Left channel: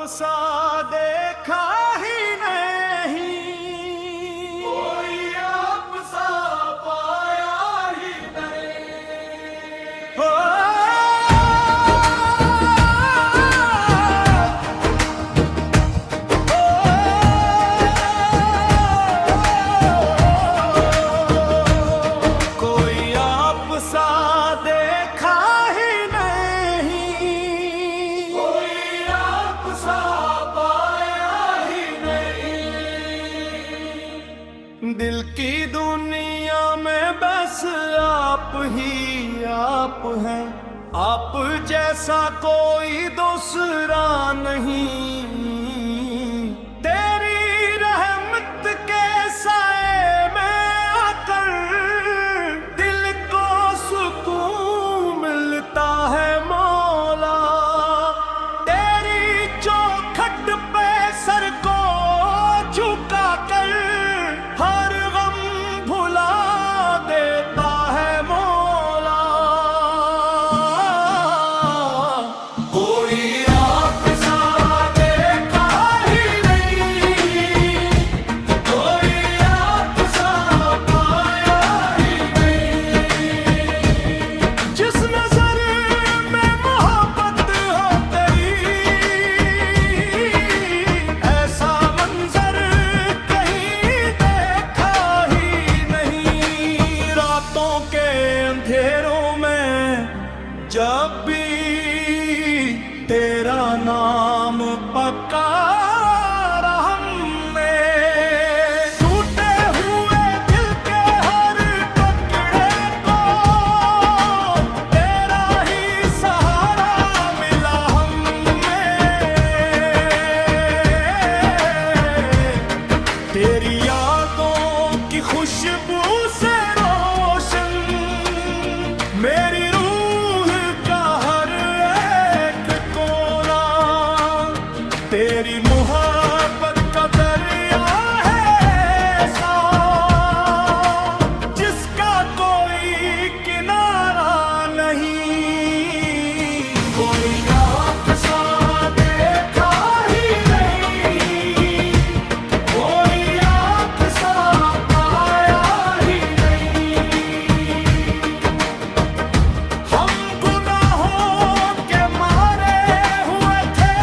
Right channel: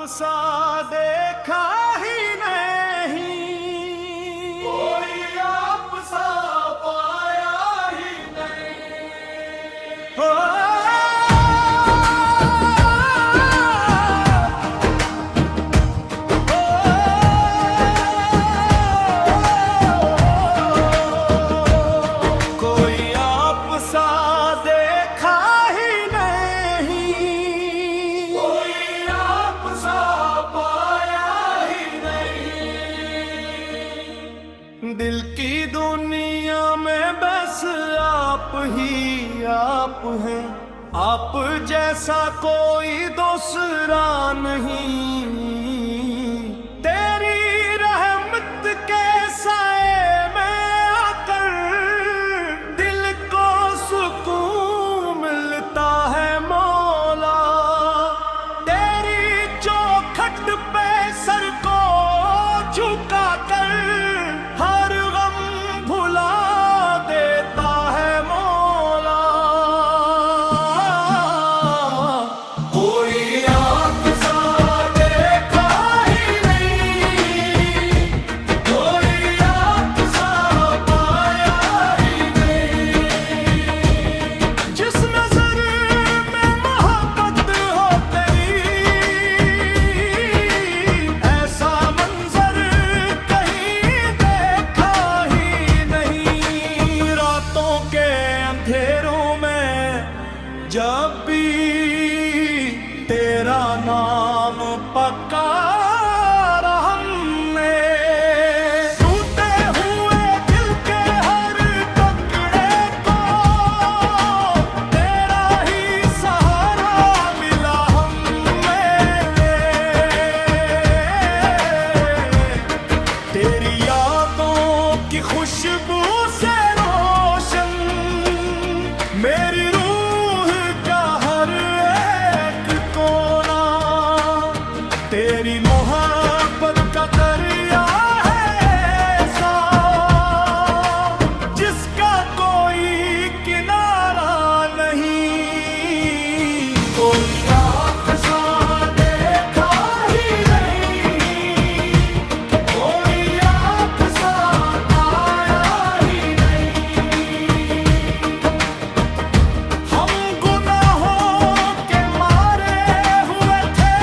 सा देखा ही नहीं, कोई आप सा पाया ही नहीं। हो कोई आप सा देखा ही नहीं, कोई आप सा पाया ही नहीं। दिल की दुनिया में बस आप ही आप हैं, आप जैसा कोई दूसरा नहीं। तेरी रहमत के साए में आकर दिल को सुकून मिलता है मौला। तेरी चौखट पे सर को झुका कर हर गम भुला देता है मौला। कोई आप सा देखा ही नहीं, कोई आप सा पाया ही नहीं। जिस नजर में मोहब्बत हो तेरी, ऐसा मंजर कहीं देखा ही नहीं। रातों के अंधेरों में जब भी तेरा नाम पुकारा हमने, टूटे हुए दिल के हर टुकड़े को तेरा ही सहारा मिला हमें। तेरी यादों की खुशबू से रोशन मेरी रूह का हर एक कोना। तेरी मोहब्बत का दरिया है ऐसा जिसका कोई किनारा नहीं। कोई आप सा देखा ही नहीं, कोई आप सा पाया ही नहीं। हम गुनाहों के मारे हुए थे,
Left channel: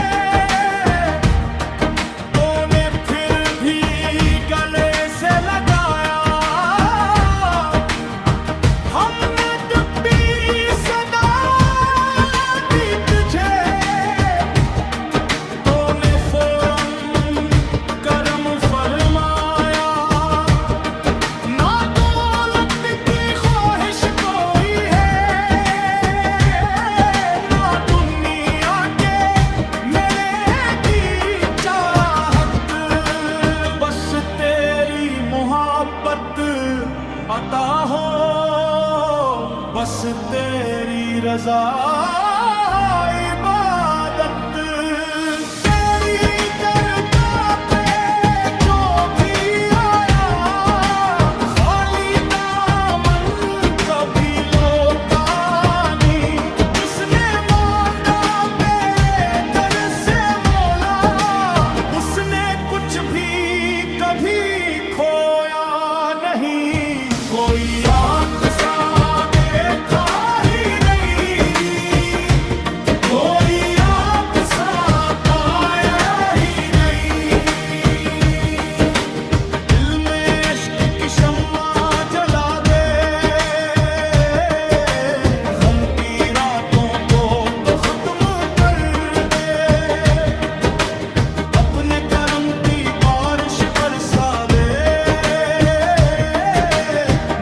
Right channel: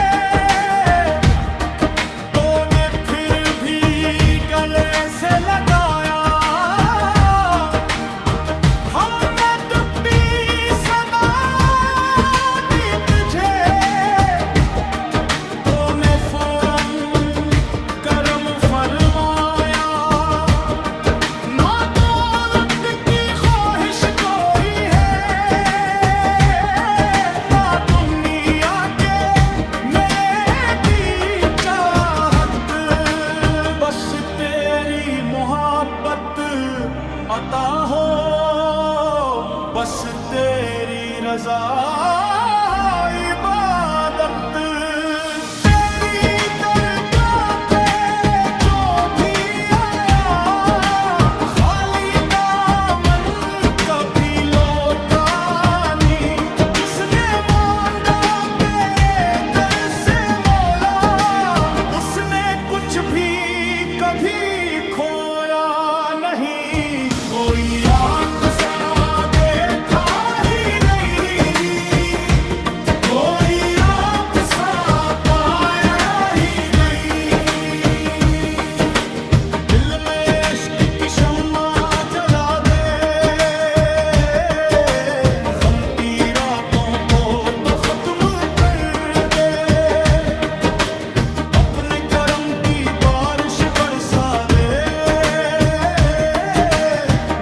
तूने फिर भी गले से लगाया। हमने डूबी सदा दी तुझे, तूने फौरन करम फरमाया। ना दौलत की ख्वाहिश कोई है, ना दुनिया के मेरे की चाहत। बस तेरी मोहब्बत अता हो, बस तेरी रजा इबादत। तेरी दरगाह पे जो भी आया, खाली दामन कभी लौटा नहीं। जिसने मांगा तेरे दर से मौला, उसने कुछ भी कभी खोया नहीं। कोई आप सा देखा ही नहीं, कोई आप सा पाया ही नहीं। दिल में इश्क की शम्मा जला दे, गम की रातों को तो खत्म कर दे। अपने करम की बारिश बरसा दे,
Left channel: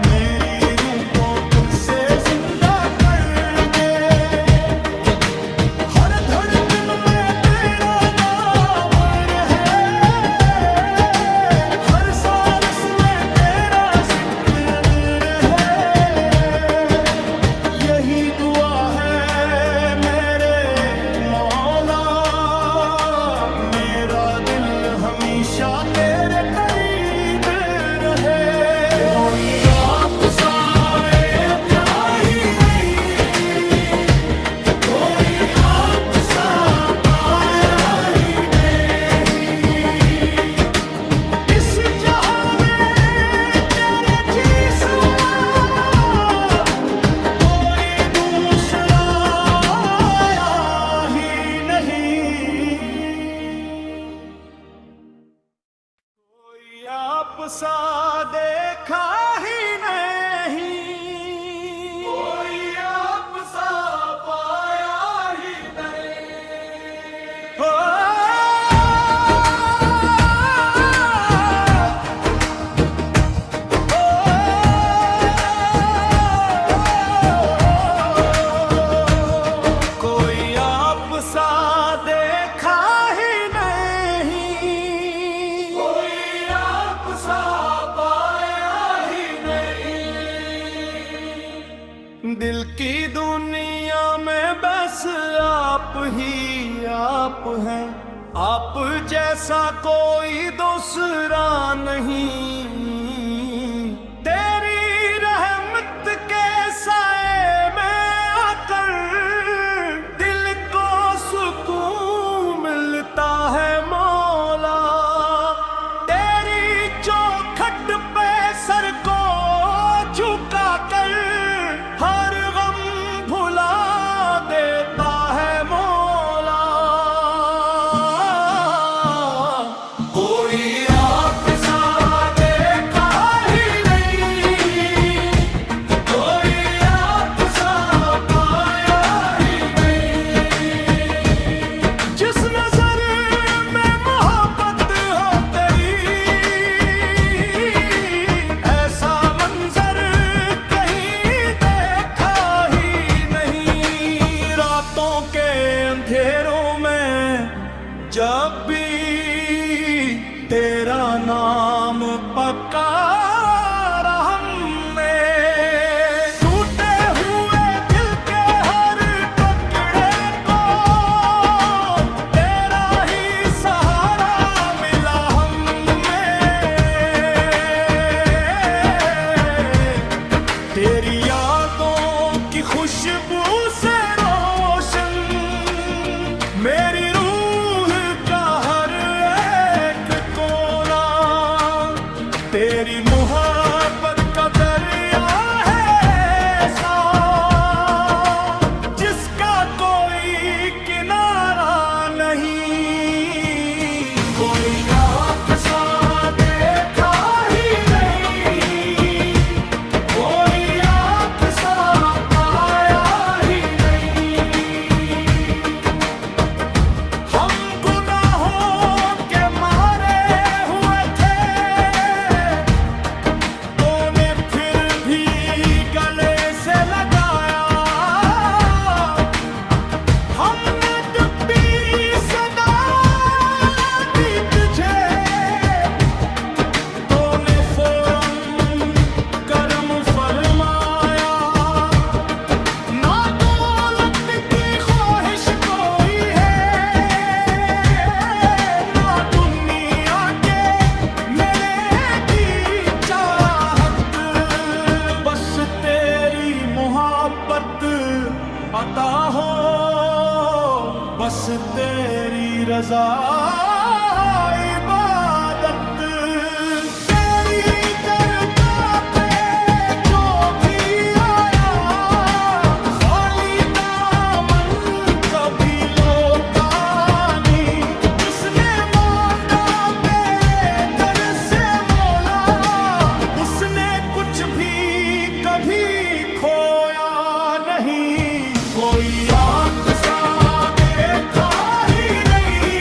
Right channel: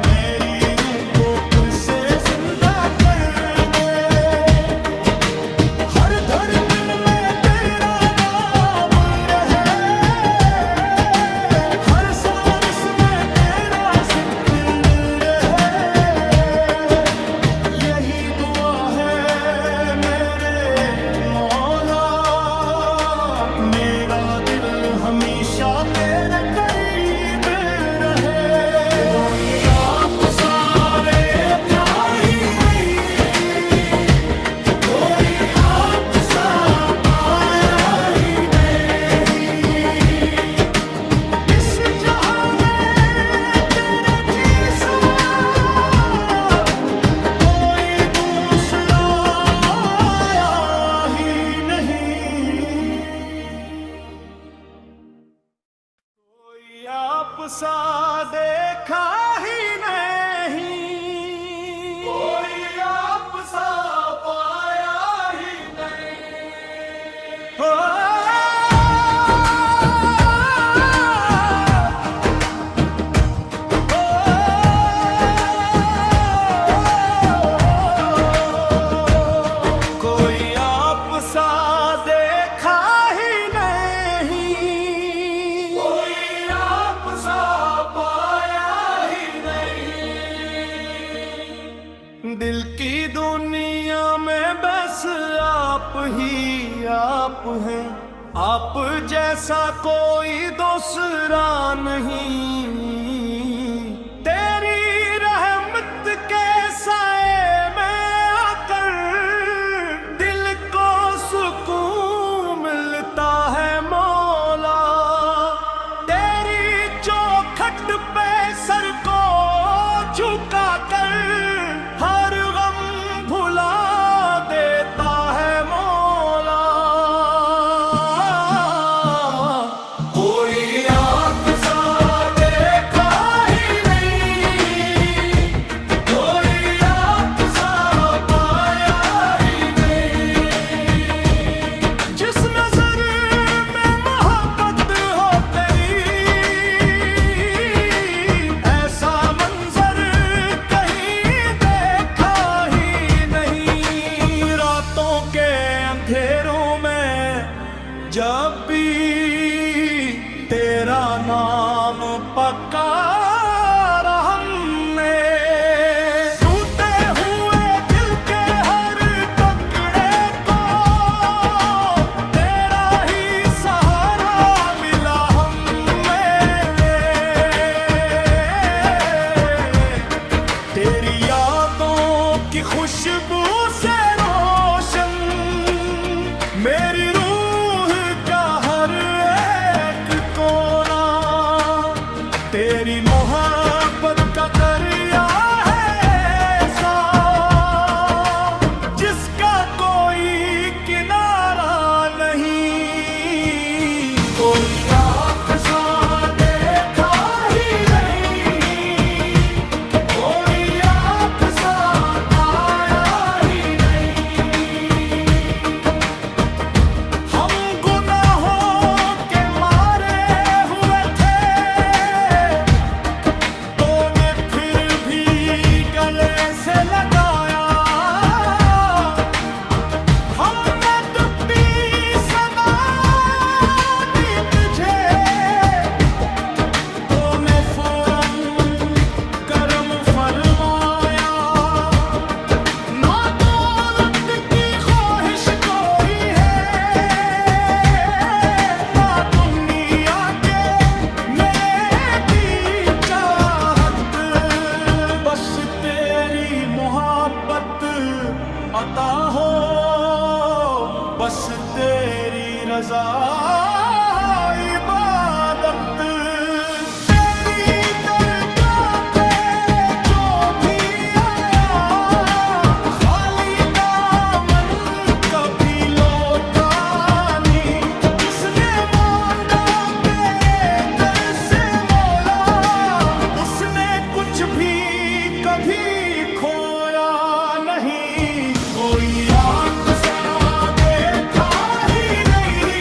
मेरी रूह को फिर से जिंदा कर दे। हर धड़कन में तेरा नाम रहे, हर सांस में तेरा जिक्र रहे। यही दुआ है मेरे मौला, मेरा दिल हमेशा तेरे करीब रहे। कोई आप सा देखा ही नहीं, कोई आप सा पाया ही नहीं, कोई आप सा देखा ही नहीं, कोई आप सा पाया ही नहीं। हो कोई आप सा देखा ही नहीं, कोई आप सा पाया ही नहीं। दिल की दुनिया में बस आप ही आप हैं, आप जैसा कोई दूसरा नहीं। तेरी रहमत के साए में आकर दिल को सुकून मिलता है मौला। तेरी चौखट पे सर को झुका कर हर गम भुला देता है मौला। कोई आप सा देखा ही नहीं, कोई आप सा पाया ही नहीं। जिस नजर में मोहब्बत हो तेरी, ऐसा मंजर कहीं देखा ही नहीं। रातों के अंधेरों में जब भी तेरा नाम पुकारा हमने, टूटे हुए दिल के हर टुकड़े को तेरा ही सहारा मिला हमें। तेरी यादों की खुशबू से रोशन मेरी रूह का हर एक कोना। तेरी मोहब्बत का दरिया है ऐसा जिसका कोई किनारा नहीं। कोई आप सा देखा ही नहीं, कोई आप सा पाया ही नहीं। हम गुनाहों के मारे हुए थे, तूने फिर भी गले से लगाया। हमने डुबी सदा दी तुझे, तूने फौरन करम फरमाया। ना दौलत की ख्वाहिश कोई है, ना दुनिया के मेरे की चाहत। बस तेरी मोहब्बत अता हो, बस तेरी रजा इबादत। तेरी दरगाह पे जो भी आया, खाली दामन कभी लौटा नहीं। जिसने मांगा तेरे दर से मौला, उसने कुछ भी कभी खोया नहीं। कोई आप सा देखा ही नहीं,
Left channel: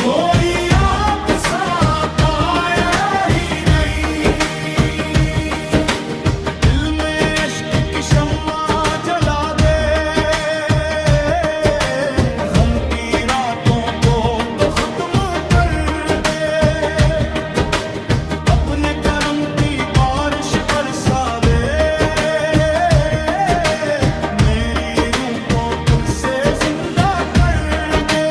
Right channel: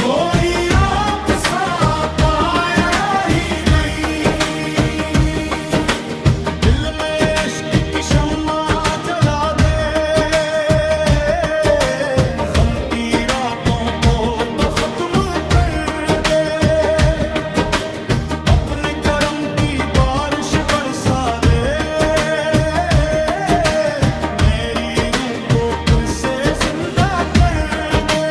कोई आप सा पाया ही नहीं। दिल में इश्क की शम्मा जला दे, गम की रातों को तो खत्म कर दे। अपने करम की बारिश बरसा दे, मेरी रूह को फिर से जिंदा कर दे।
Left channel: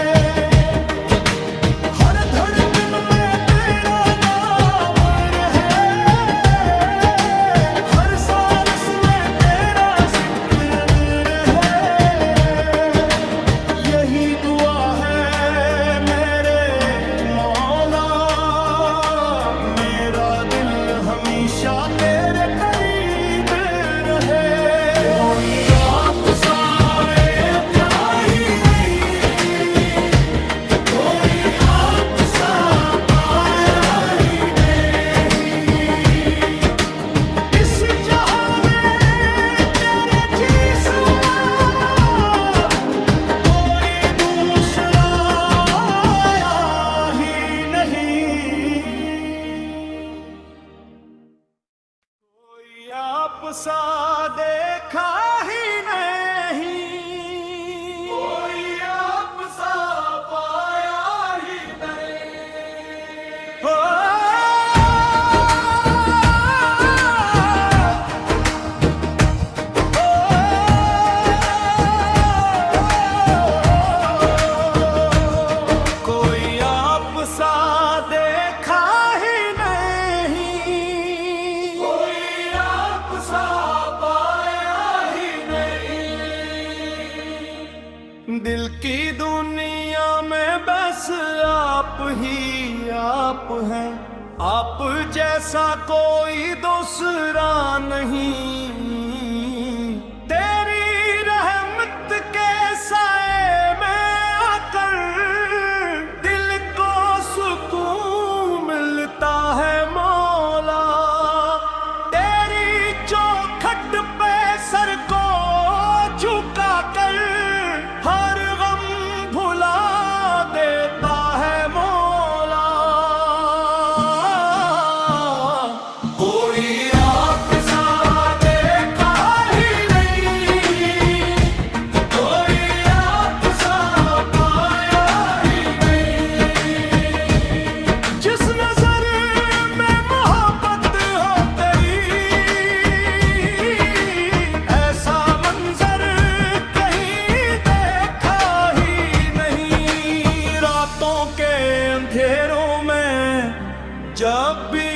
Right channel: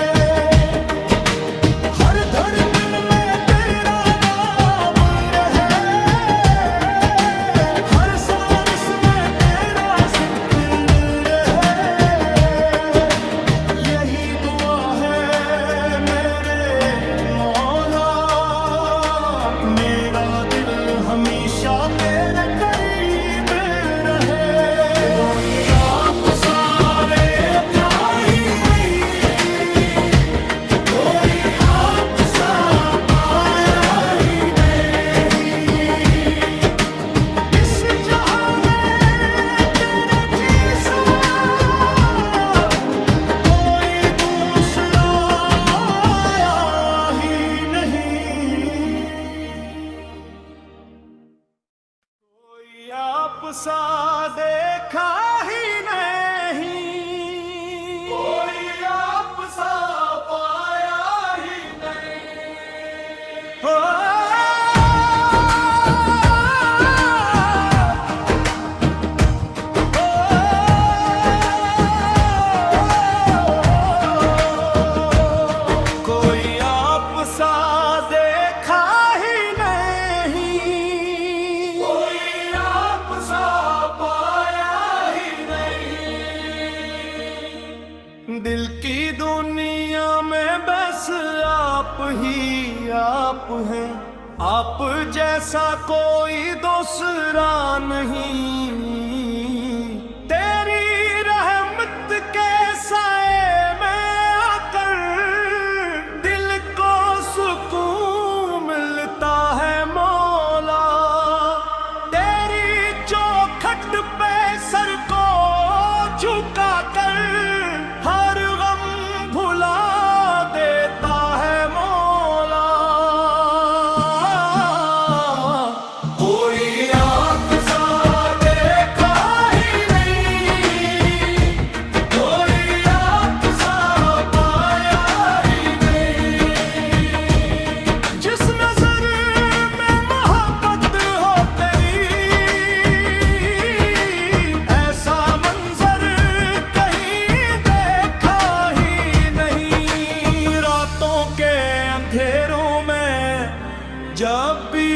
हर धड़कन में तेरा नाम रहे, हर सांस में तेरा जिक्र रहे। यही दुआ है मेरे मौला, मेरा दिल हमेशा तेरे करीब रहे। कोई आप सा देखा ही नहीं, दिल की दुनिया में बस आप ही आप हैं, आप जैसा कोई दूसरा नहीं। तेरी रहमत के साए में आकर दिल को सुकून मिलता है मौला। तेरी चौखट पे सर को झुका कर हर गम भुला देता है मौला। कोई आप सा देखा ही नहीं, कोई आप सा पाया ही नहीं। जिस नजर में मोहब्बत हो तेरी, ऐसा मंजर कहीं देखा ही नहीं। रातों के अंधेरों में जब भी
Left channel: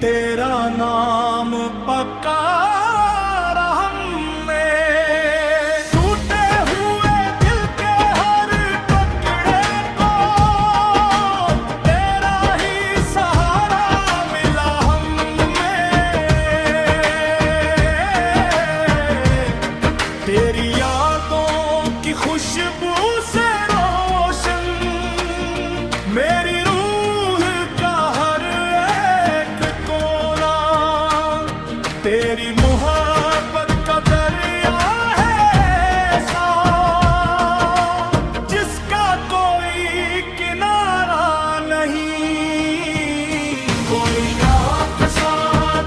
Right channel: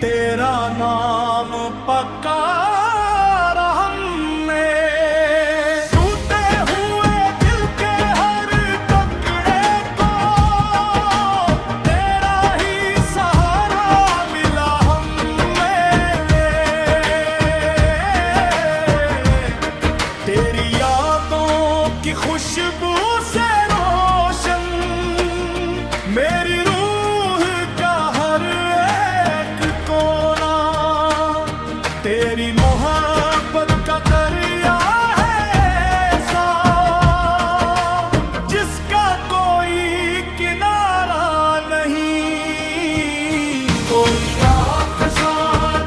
तेरा नाम पुकारा हमने, टूटे हुए दिल के हर टुकड़े को तेरा ही सहारा मिला हमें। तेरी यादों की खुशबू से रोशन मेरी रूह का हर एक कोना। तेरी मोहब्बत का दरिया है ऐसा जिसका कोई किनारा नहीं। कोई आप सा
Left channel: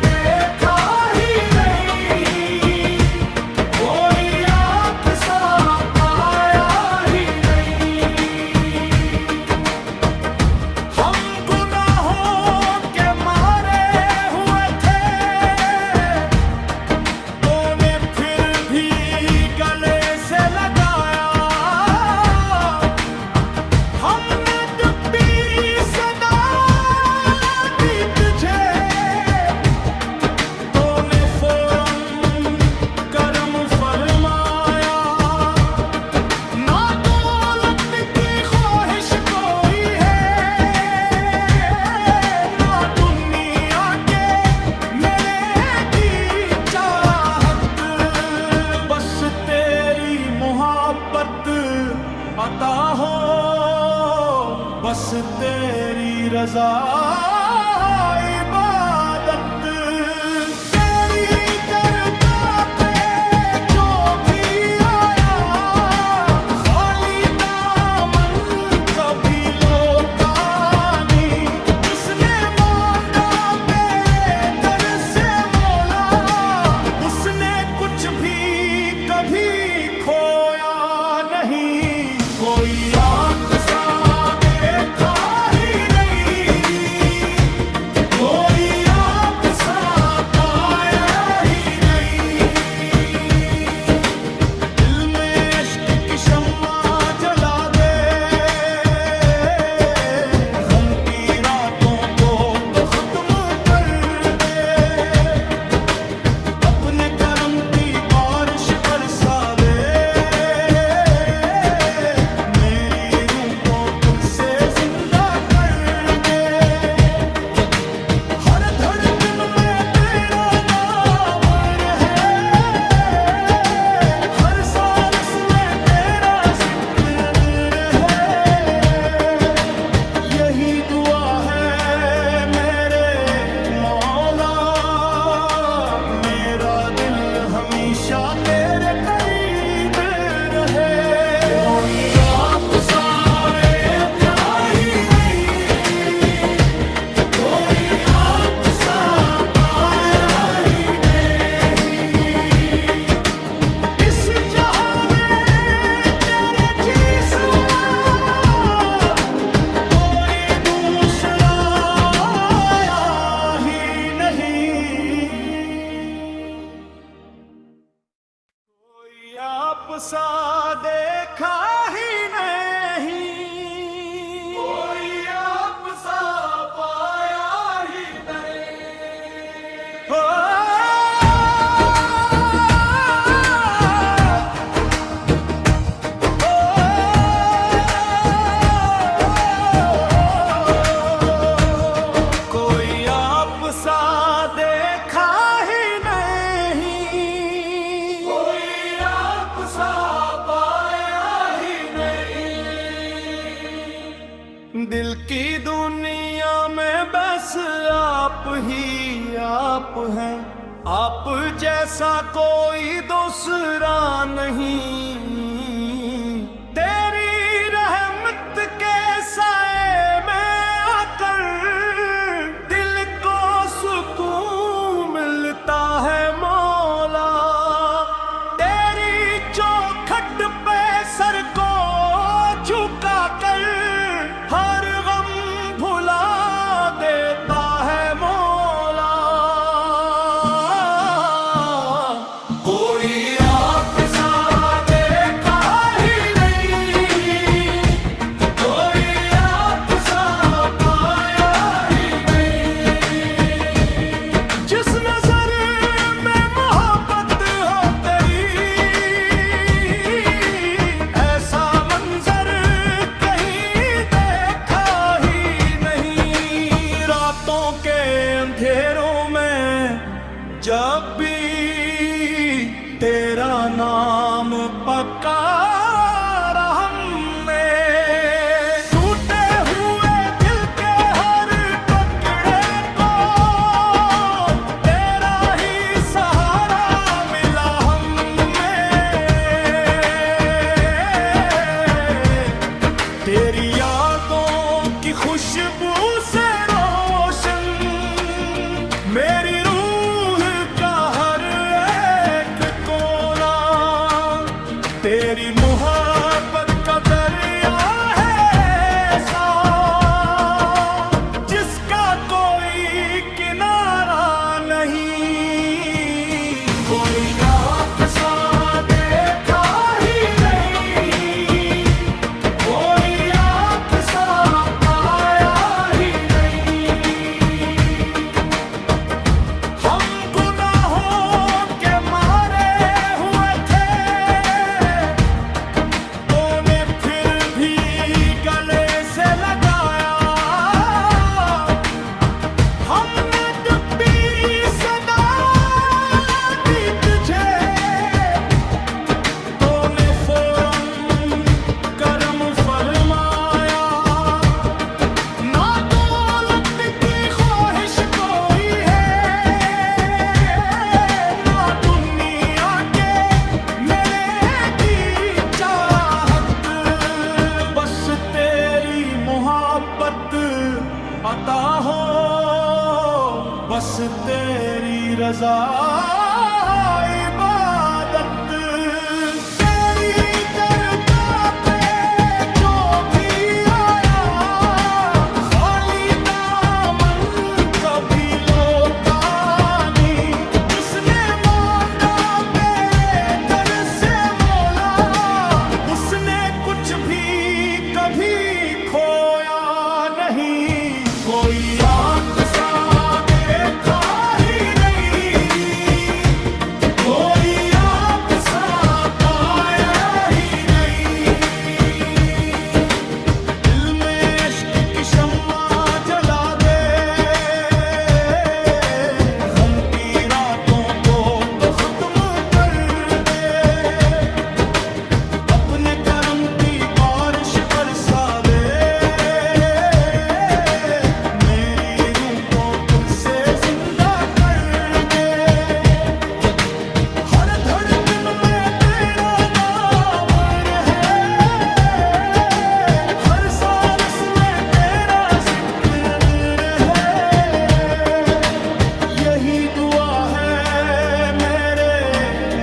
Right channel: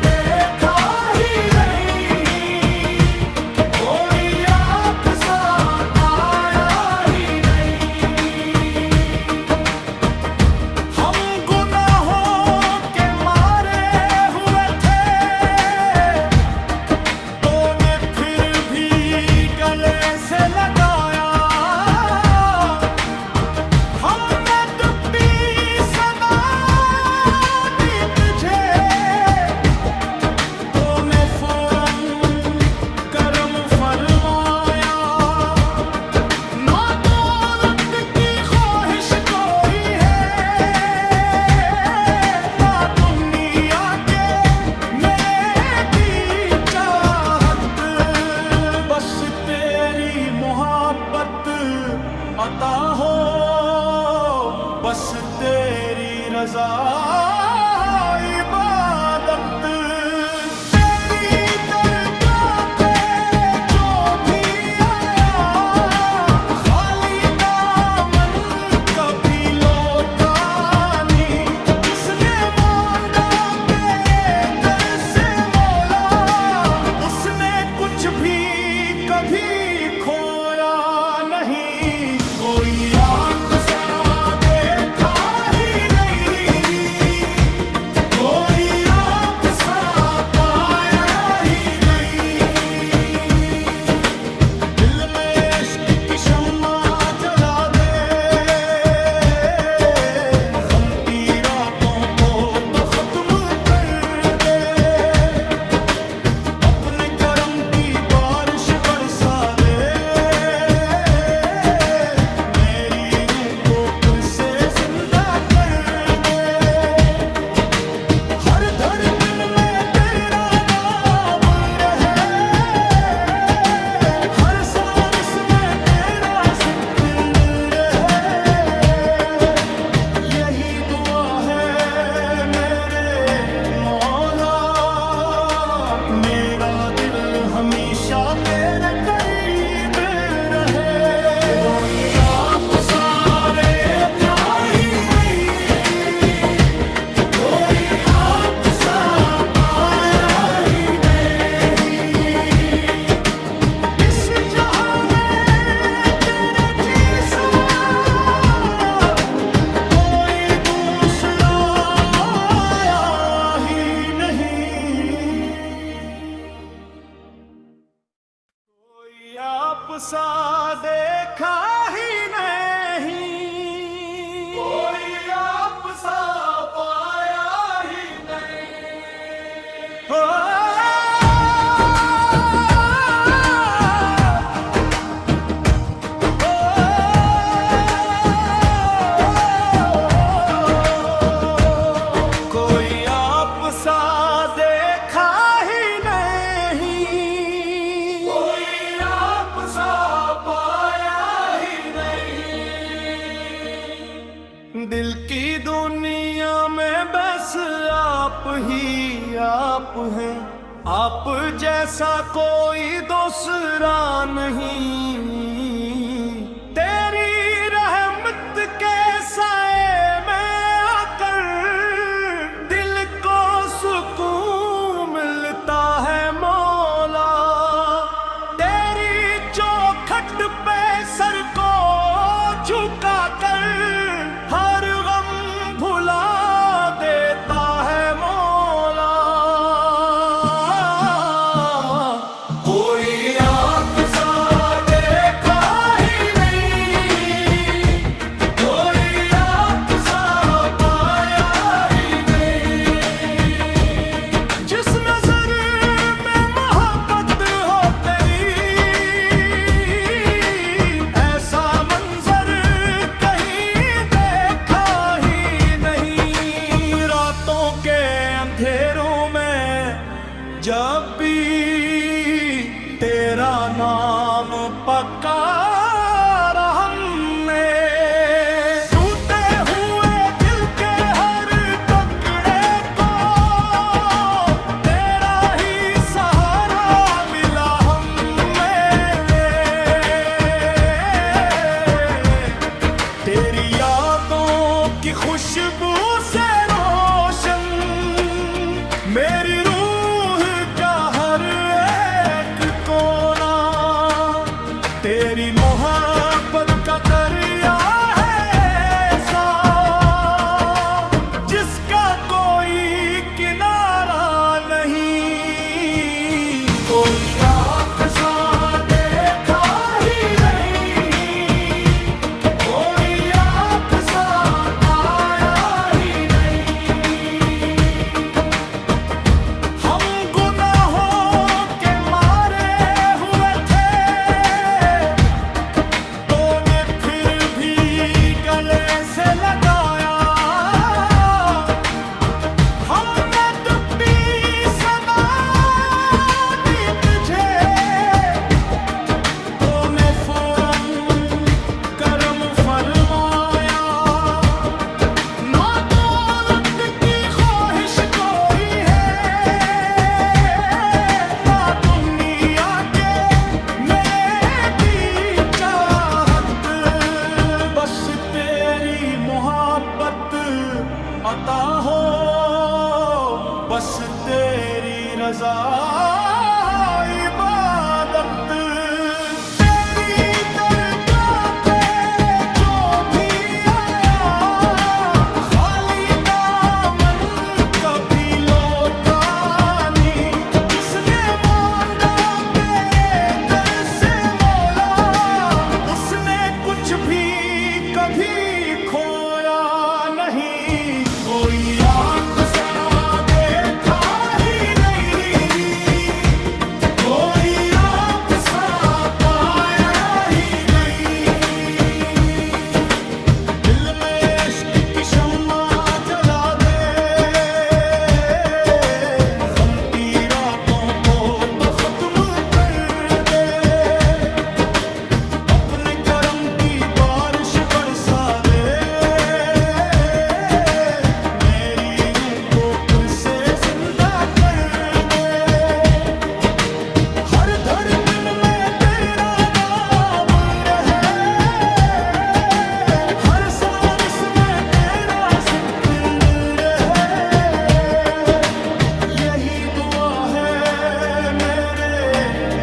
देखा ही नहीं, कोई आप सा पाया ही नहीं। हम गुनाहों के मारे हुए थे, तूने फिर भी गले से लगाया। हमने डूबी सदा दी तुझे, तूने फौरन करम फरमाया। ना दौलत की ख्वाहिश कोई है, ना दुनिया के मेरे दी चाहत। बस तेरी मोहब्बत अता हो, बस तेरी रजा इबादत। तेरी दरगाह पे जो भी आया, खाली दामन कभी लौटा नहीं। जिसने मांगा तेरे दर से मौला, उसने कुछ भी कभी खोया नहीं। कोई आप सा देखा ही नहीं, कोई आप सा पाया ही नहीं। दिल में इश्क की शम्मा जला दे, गम की रातों को तो खत्म कर दे। अपने करम की बारिश बरसा दे, दिल की दुनिया में बस आप ही आप हैं, आप जैसा कोई दूसरा नहीं। तेरी रहमत के साए में आकर दिल को सुकून मिलता है मौला। तेरी चौखट पे सर को झुका कर हर गम भुला देता है मौला। कोई आपसा देखा ही नहीं, कोई आपसा पाया ही नहीं। जिस नजर में मोहब्बत हो तेरी, ऐसा मंजर कहीं देखा ही नहीं। रातों के अंधेरों में जब भी तेरा नाम पुकारा हमने, टूटे हुए दिल के हर टुकड़े को तेरा ही सहारा मिला हमें। तेरी यादों की खुशबू से रोशन मेरी रूह का हर एक कोना। तेरी मोहब्बत का दरिया है ऐसा जिसका कोई किनारा नहीं। कोई आपसा देखा ही नहीं, कोई आपसा पाया ही नहीं। हम गुनाहों के मारे हुए थे, तूने फिर भी गले से लगाया। हमने डुबी सदा दी तुझे, तूने फौरन करम फरमाया। ना दौलत की ख्वाहिश कोई है, ना दुनिया के मेरे की चाहत। बस तेरी मोहब्बत अता हो, बस तेरी रजा इबादत। तेरी दरगाह पे जो भी आया, खाली दामन कभी लौटा नहीं। जिसने मांगा तेरे दर से मौला, उसने कुछ भी कभी खोया नहीं। कोई आपसा देखा ही नहीं, कोई आपसा पाया ही नहीं। दिल में इश्क की शम्मा जला दे, गम की रातों को तो खत्म कर दे। अपने करम की बारिश बरसा दे, मेरी रूह को फिर से जिंदा कर दे। हर धड़कन में तेरा नाम रहे, हर सांस में तेरा जिक्र रहे। यही दुआ है मेरे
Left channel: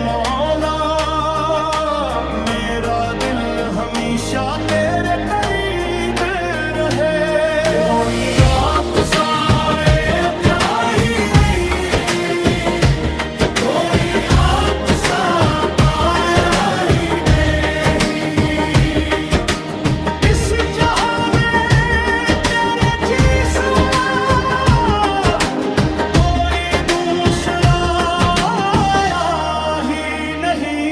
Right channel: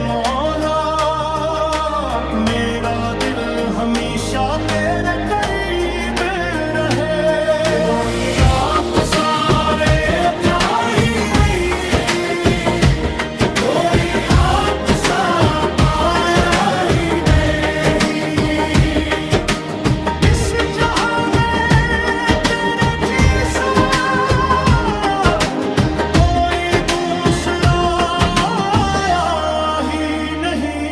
मौला, मेरा दिल हमेशा तेरे करीब रहे। कोई आपसा देखा ही नहीं, कोई आपसा पाया ही नहीं। इस जहां में तेरे जैसा कोई दूसरा आया ही नहीं।